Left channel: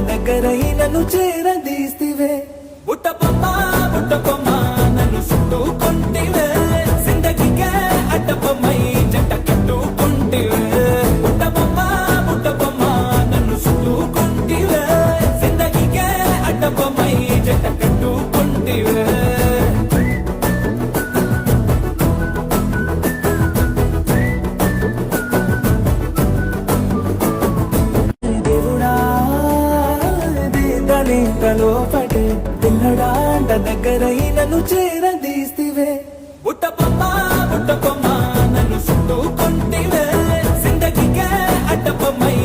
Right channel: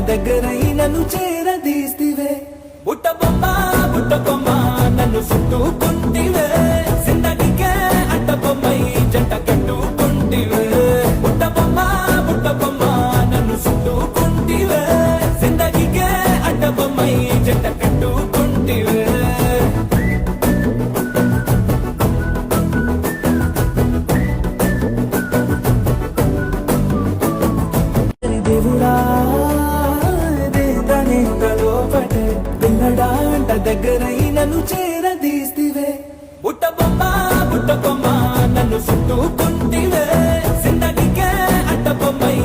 దగ్గరై నన్ను చేరదీస్తివే బుట్ట బొమ్మ నన్ను చుట్టుకుంటివే జిందగీకే అడ్డ బొమ్మై జంట కట్టుకుంటివే బుట్ట బొమ్మ నన్ను చుట్టుకుంటివే జిందగీకే అడ్డ బొమ్మై జంట కట్టుకుంటివే లోపటే పిల్లడాంట దగ్గరై నన్ను చేరదీస్తివే బుట్ట బొమ్మ నన్ను చుట్టుకుంటివే జిందగీకే అడ్డ బొమ్మై